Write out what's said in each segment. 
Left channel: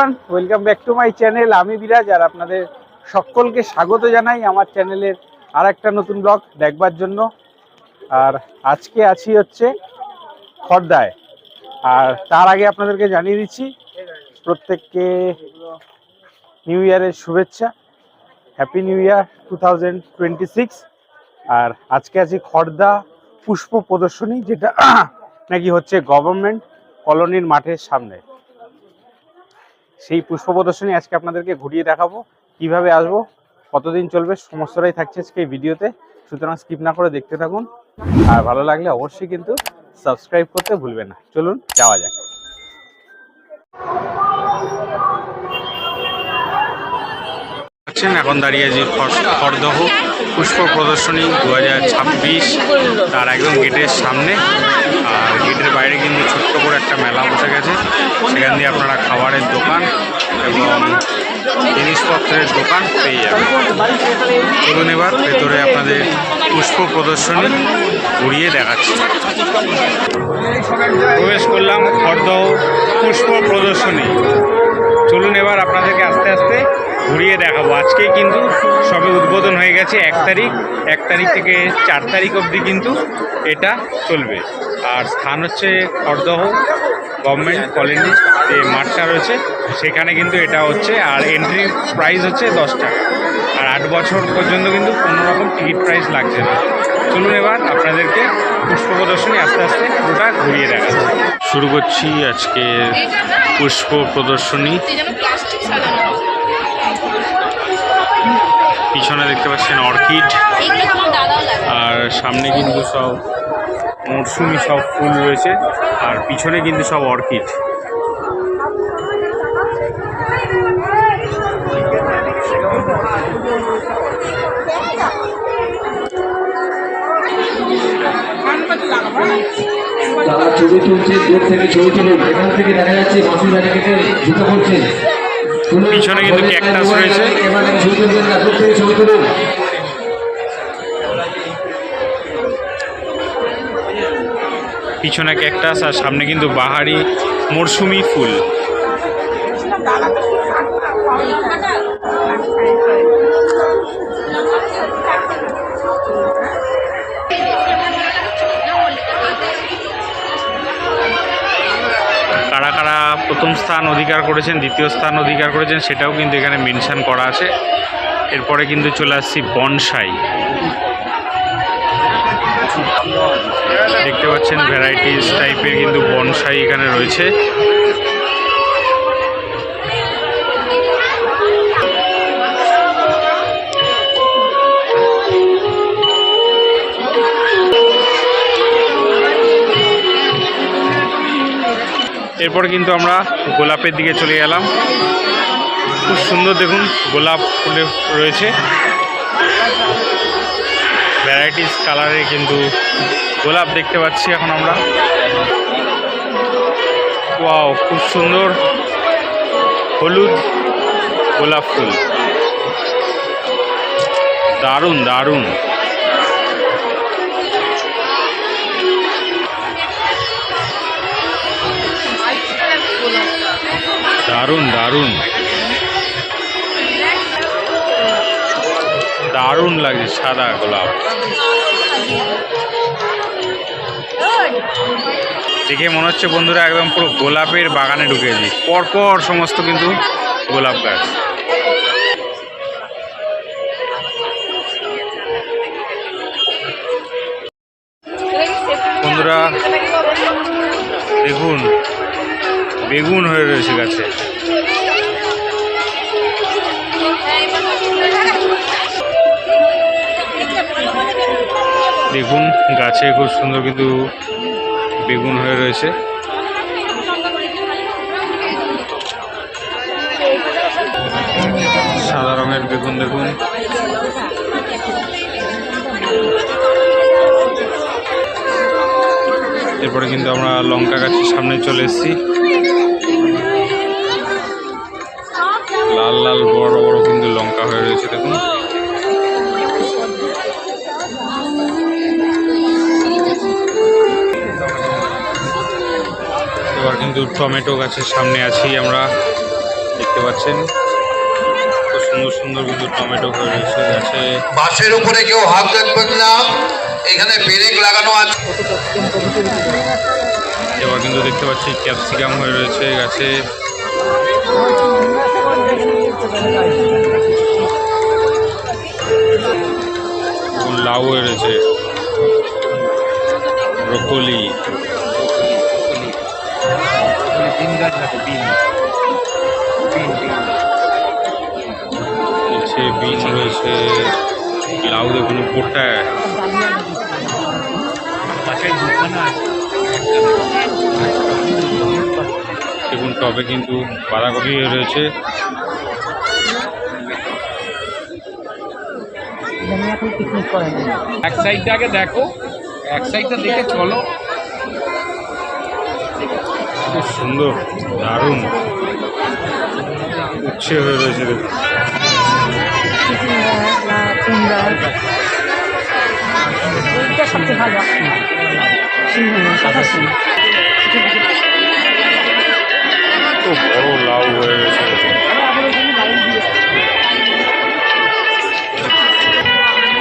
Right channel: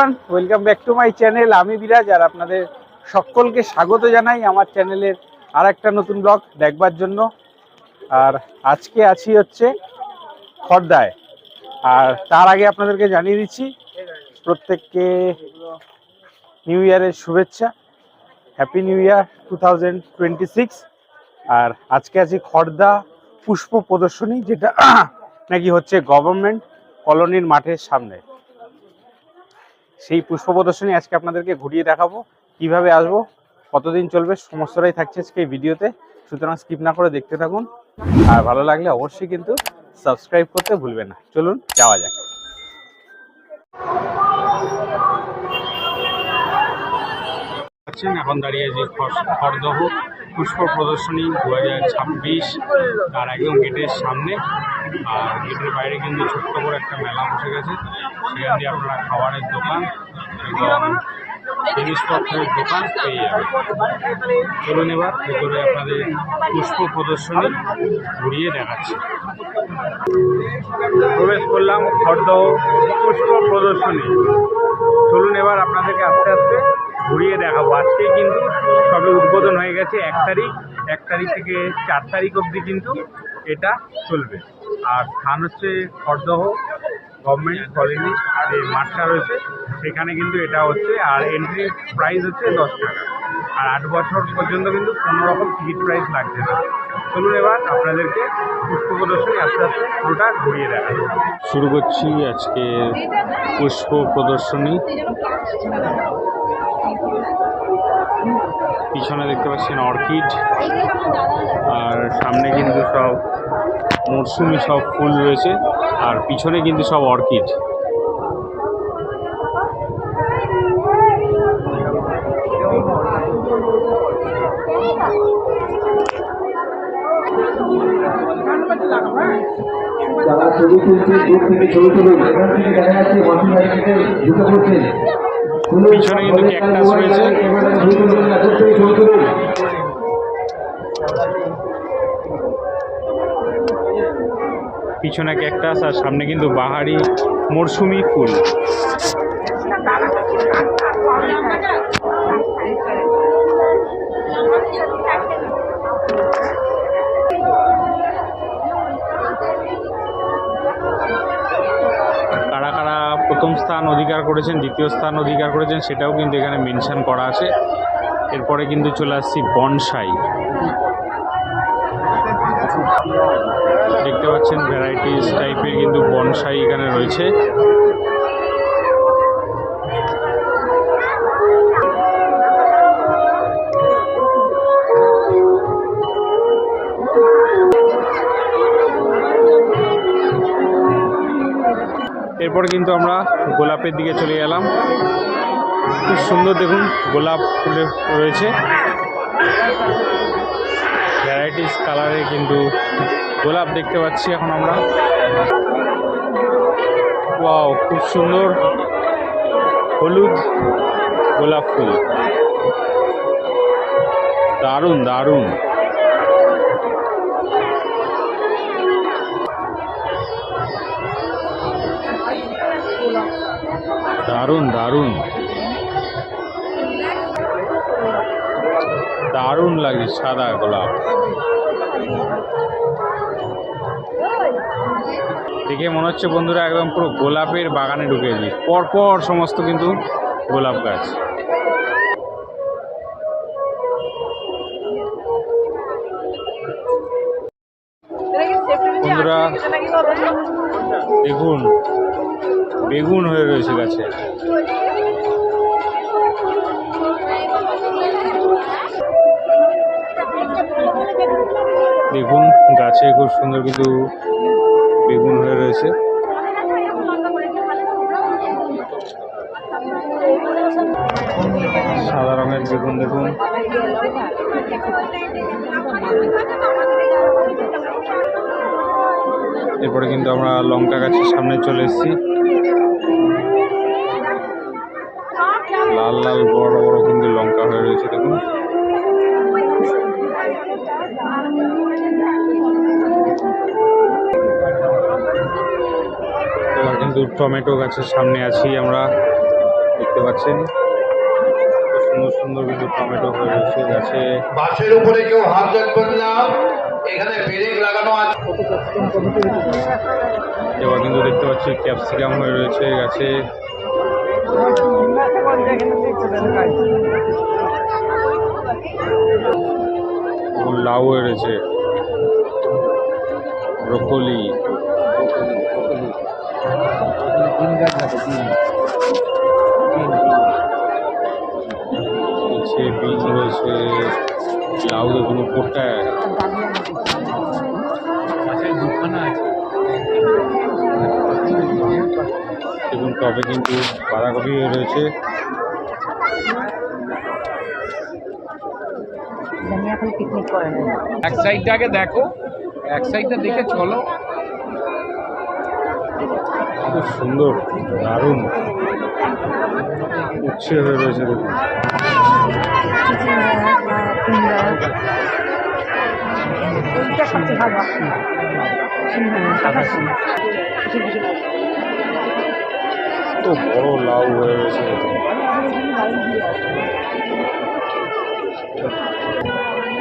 Everyone welcome back to my channel আমি বিরাজ আর আপনাদের সকলকে স্বাগত জানাই আমার চ্যানেলের আর একটা নতুন ব্লগ দেখবার জন্য। আর আজকে আছি হচ্ছে খর্দায়। আর তার আগে আপনাদেরকে জানিয়ে দিচ্ছি, প্রত্যেককে নিউ ইয়ারের শুভেচ্ছা। হ্যাপি নিউ ইয়ার টু আর আজকে আছি খর্দা পুষ্প প্রদর্শনী, যেটা নাকি হচ্ছে গভর্নমেন্ট কলোনির মাঠের সামনে। সেই পুষ্প প্রদর্শনী আজকে আপনাদেরকে ঘুরিয়ে দেখাবো, কীভাবে আসব, কতদিন চলবে, সমস্তটাই থাকছে আজকে ভিডিওতে। সুতরাং স্কিপ না করে দেখতে থাকুন। আর ভালো লাগলে অবশ্যই কিন্তু সাবস্ক্রাইব করতে ভুলবেন না। চলুন, যাওয়া যাক। এখন দাঁড়িয়ে আছি খর- খরদহ পুষ্প প্রদর্শনী দু হাজার ছাব্বিশ, তার একদম গেটের সামনে। আর গেটের বাইরে কিন্তু ছোট্ট করে একটা মেলা বসে গেছে। সেখান দিয়ে আপনারা খাবারের দোকান এবং জিনিসপত্রের দোকান পেয়ে যাবেন। চলুন এবার ভেতরে আপনাদের পুষ্প প্রদর্শনী ঘুরিয়ে দেখাচ্ছি। প্রবেশ করলাম খরদহ পুষ্প প্রদর্শনী। চলুন এবার আপনাদেরকে আস্তে আস্তে ঘুরিয়ে দেখাবো। আজকেই কিন্তু সবে উদ্বোধন হয়ে গেছে এক তারিখ। এক তারিখ থেকে চার তারিখ অবধি কিন্তু এটা চলবে। আর স্থান হচ্ছে খড়দহ গভর্নমেন্ট কলেজে যে মাঠটা রয়েছে সেখানে কিন্তু এটা হচ্ছে আর এন্ট্রি প্রাইস হচ্ছে দশ টাকা। আর আট বছর পর্যন্ত কিন্তু কোনো রকম টিকিট প্রাইস লাগছে না। চলুন এবার আপনাদেরকে পুষ্প প্রদর্শনী আস্তে আস্তে পুরোটা ঘুরিয়ে দেখাচ্ছি। শুরু করছি আজকে পুষ্প প্রদর্শনী। পিছনে দেখতে পাচ্ছেন অর্কিড। আর সামনে কিন্তু সব মরশুমি সব ফুল রয়েছে আর পিছনে কিন্তু সব অর্কিড। তারা ছবি তুলছে দূর থেকে ছবি তুলুন। এখান থেকে দেখা যাচ্ছে মাসির বাড়ি কেটে ঢুকে পড়ছে। পিছনে কিন্তু মোবাইল রয়েছে। থেকে ছবি তুলুন। পিছনে ক্যাকটাস আর সামনে কিন্তু বাহারি মরশুমি ফুল। কারা কারা প্রথম স্থান অধিকার করেছেন, দ্বিতীয় স্থান অধিকার করেছেন, সেটাও কিন্তু এখানে মেনশন করা আছে। এরপরে কিন্তু চলে আসছি বনসাই। দেখতে পাচ্ছেন ভ্যারাইটিস টাইপের কিন্তু বনসাই এখানে রয়েছে। এরপর কিন্তু আমরা গোলাপের দিকে চলে গেলাম। খুব সুন্দর দেখুন, গোলাপ ফুলে রয়েছে। ভ্যারাইটিস কালারের কিন্তু গোলাপ দেখতে পাচ্ছি এখন আমরা। ওয়াও, খুব সুন্দর হলুদ গোলাপ ফুল। দারুণ দারুণ। দারুণ দারুণ। দারুণ লাগছে সাদা গোলাপ। দেখে মনে হচ্ছে বন্ধুরা একদম পুরো গোলাপের বাগানে ঢুকেছি। পরপর সমস্ত কিন্তু গোলাপ গাছ। বন্ধুরা, দেখুন, বেগুন হয়ে রয়েছে গাছে। দেখুন, গাছে খুব সুন্দর কিন্তু বেগুন হয়ে রয়েছে। সাদা রঙের বেগুন দেখুন। এরপরে কিন্তু আমরা লঙ্কা গাছের সামনে চলে এসেছি। লাল লাল বড় বড় কিন্তু লঙ্কা হয়ে রয়েছে দেখুন। কিন্তু টমেটো গাছের সামনে আছি আমরা। দেখতে পাচ্ছেন খুব সুন্দর সুন্দর কিন্তু টমেটো হয়ে রয়েছে গাছে। বাসের উপরে কেউ হাত রাখবেন না। এখানে ব্রেক লাগানো আছে। এবার কিন্তু দেখতে পাচ্ছি ক্যাপসিকাম হয়ে রয়েছে গাছে। লাউ হয়ে রয়েছে। ব্রোকলি। নিচে বিন রয়েছে লাউ দেখুন উপরটায় দেখুন টবে কিন্তু বাঁধাকপি রয়েছে। এক সাইডটা আগে দেখো এক সাইডটা দেখে চলো। খুব সুন্দর, দারুণ। উচ্ছে হয়ে রয়েছে দেখুন। তো বড় লাউ হয়ে রয়েছে।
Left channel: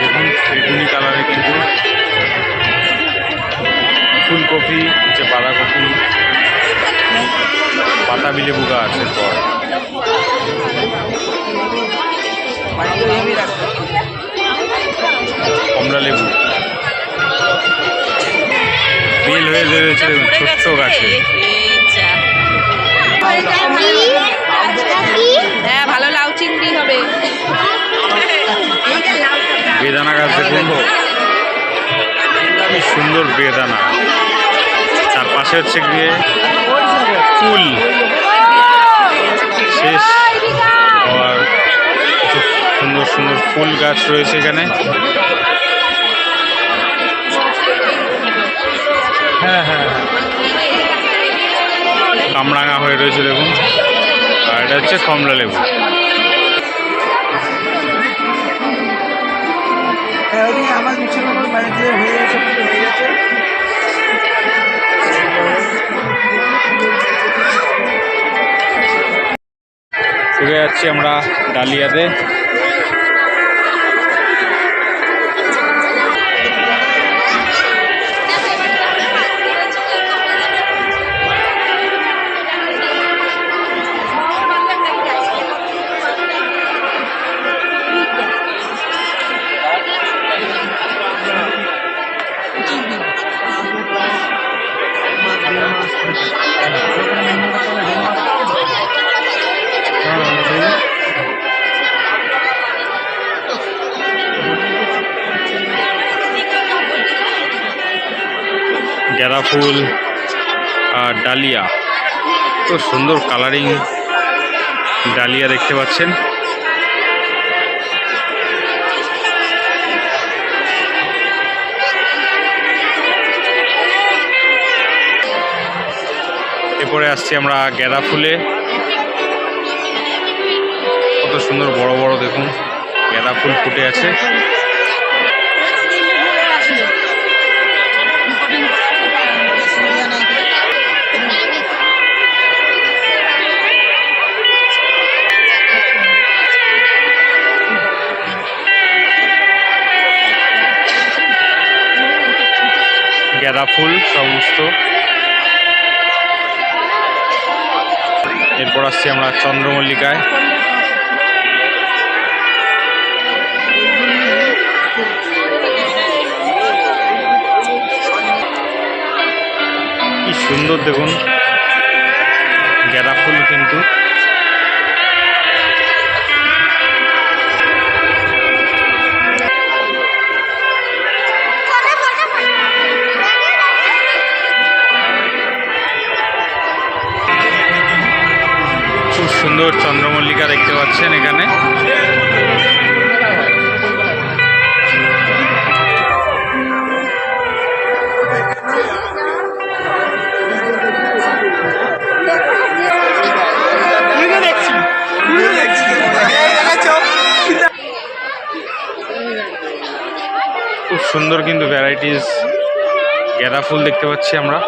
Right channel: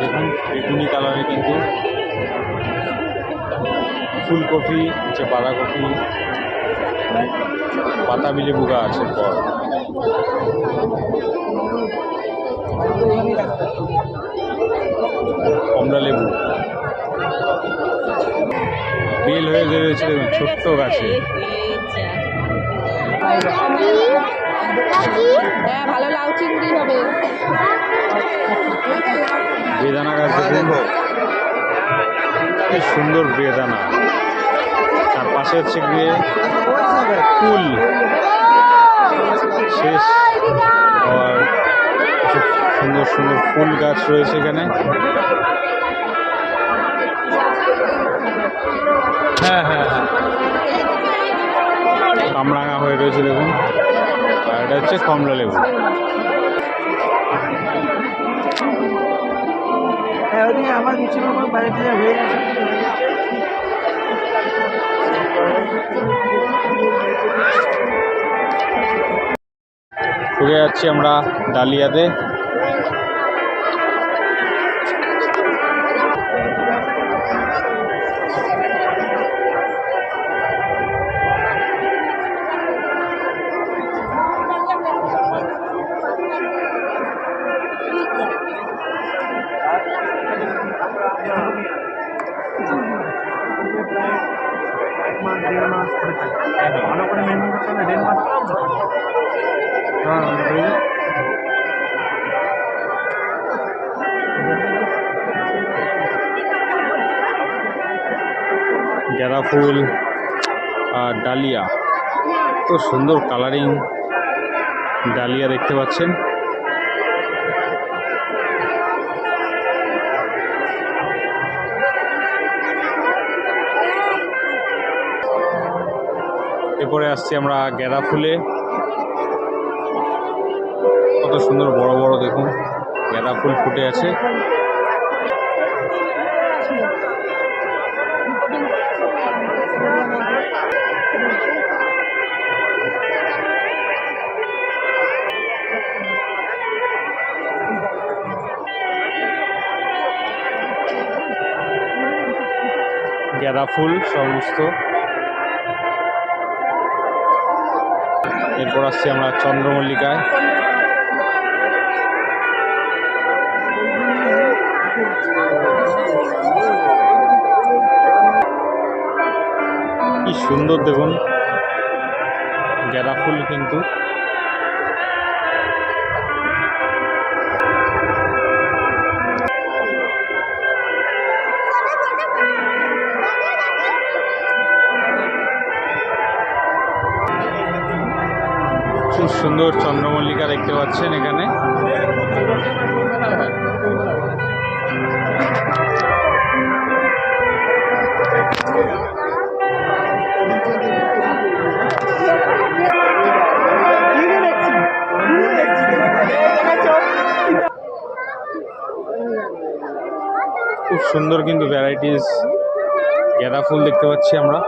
দেখুন, বেগুনি কালারে কিন্তু ফুলকপি হচ্ছে বাঁধাকপি বাতাবি লেবু গাছ এরপর। কমলা লেবু। বেল হয়ে রয়েছে ছোট্ট গাছে। হ্যাঁ ভালো লাউ চিংড়ি হবে। বেদানা গাছ দেখুন। কি সুন্দর বেদানা। পাশে হচ্ছে গিয়ে ফুল। শেষ আর সুন্দর সুন্দর ফুল গাছ রয়েছে এখানে। হ্যাঁ হ্যাঁ কামরাঙা হয়ে রয়েছে দেখুন। আর এটা হচ্ছে কমলা লেবু ঢুকে যাচ্ছি আমরা ডালিয়াতে। ফুল আর ডালিয়া। তো সুন্দর কালারিং ডালিয়া দেখতে পাচ্ছেন। এরপরে আসছি আমরা গাঁদা ফুলে। কত সুন্দর বড় বড় দেখুন, গাঁদা ফুল ফুটে আছে। গাঁদা ফুল সমস্ত। এরপর আসছি আমরা চন্দ্রমল্লিকায়। কি সুন্দর দেখুন। গাঁদা ফুল কিন্তু। পাচ্ছেন এখানে। খুব সুন্দর কিন্তু ভ্যারাইটিস গাঁদা ফুল দেখতে পাচ্ছি আমরা।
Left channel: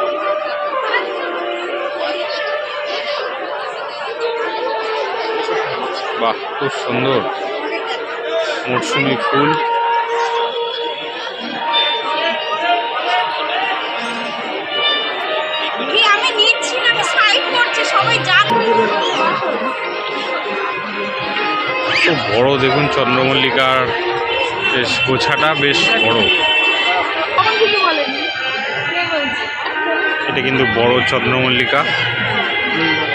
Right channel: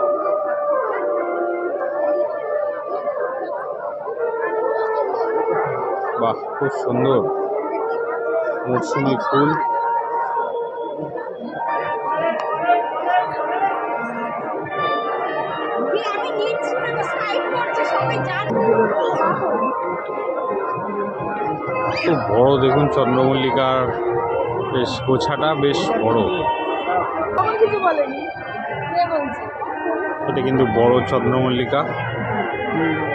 বাহ খুব সুন্দর। মরশুমি ফুল। খুব বড় দেখুন চন্দ্রমল্লিকার বেশ গোছাটা বেশ বড়। এটা কিন্তু বড় চন্দ্রমল্লিকা। খুব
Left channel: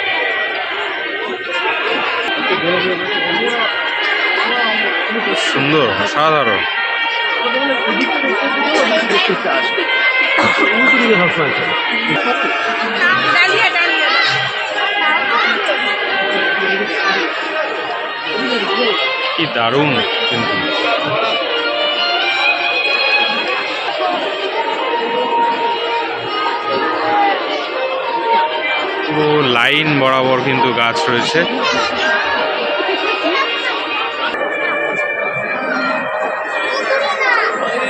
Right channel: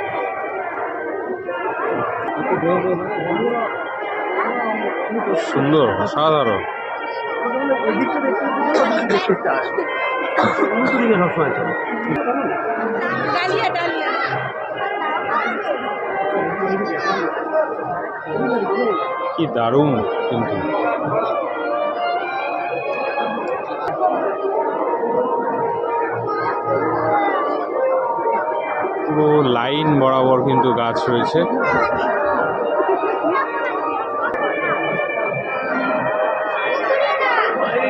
সুন্দর অসাধারণ। কি দারুণ কিন্তু। পুরো লাইন বরাবর কিন্তু গাছ রয়েছে।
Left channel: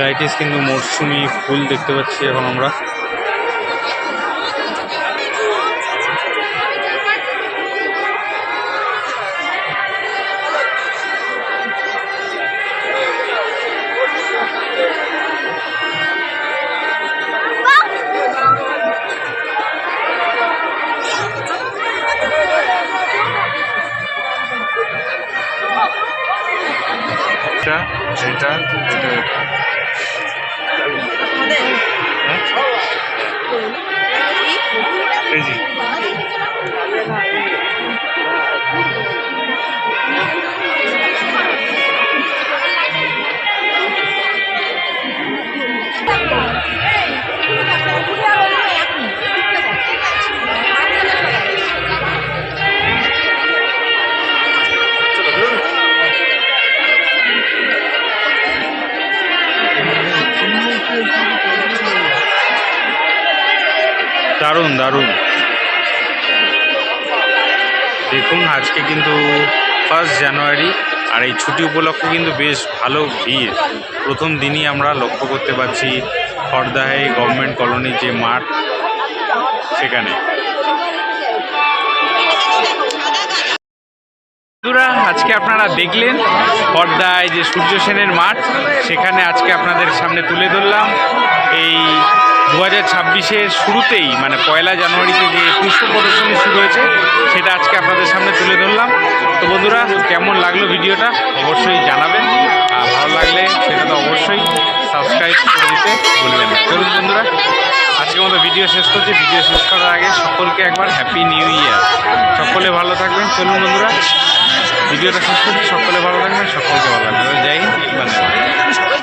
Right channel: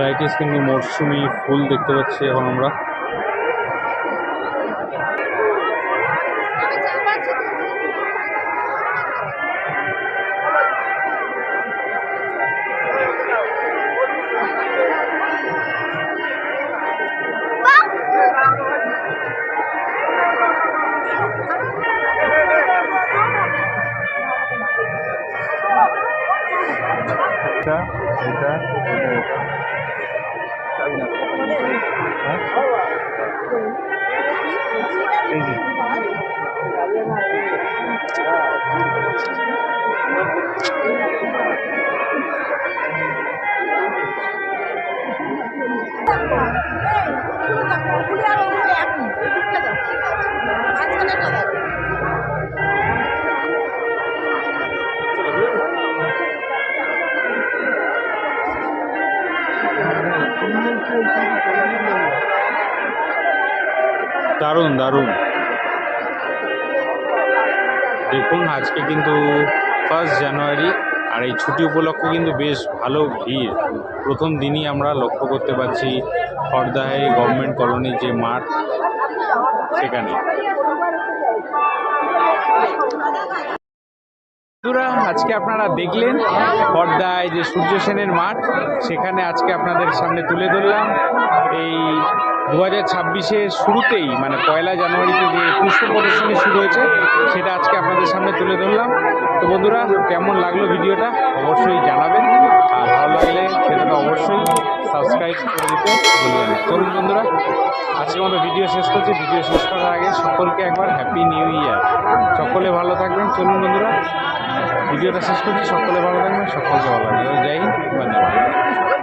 ভ্যারাইটিস কিন্তু মরশুমি ফুল দেখতে পাচ্ছি এখন আমরা। এটা এটা এটা দারুণ। দেখুন, আজকে কিন্তু ফার্স্ট জানুয়ারি আর এই ছুটি উপলক্ষে কিন্তু বেশ ভালো ভিড়। প্রথম দিনই আমরা লক্ষ্য করতে পারছি খড়দাহে গভর্নমেন্ট কলোনি যে মাঠ, সেখানে। বন্ধুরা, আজকে আপনারা দেখলেন পর্দায় যে সূর্য সেনের মাঠ, সেখানে আজকে আপনাদের সামনে তুলে ধরলাম। এই দু হাজার ছাব্বিশের শুরুতেই মানে পয়লা জানুয়ারিতে যে পুষ্প প্রদর্শনী শুরু হয়েছে, সেটা আজকে আপনাদের সামনে তুলে ধরলাম। তো বন্ধুরা, কেমন লাগল ভিডিওটা অবশ্যই জানাবেন, আর ভালো লাগলে সেটা তো অবশ্যই সাবস্ক্রাইব করে দিতে ভুলবেন চলুন বন্ধুরা, আজকের মতো ভিডিও শেষ করছি। ভিডিও শেষ করার আগে সকলকে একবার হ্যাপি নিউ ইয়ার সকলে ভালো থাকবেন। চলুন বন্ধুরা, ভিডিওটা শেষ করছি। সকলে ভালো থাকবেন, সকলকে ভালো থাকবেন। জয় হিন্দ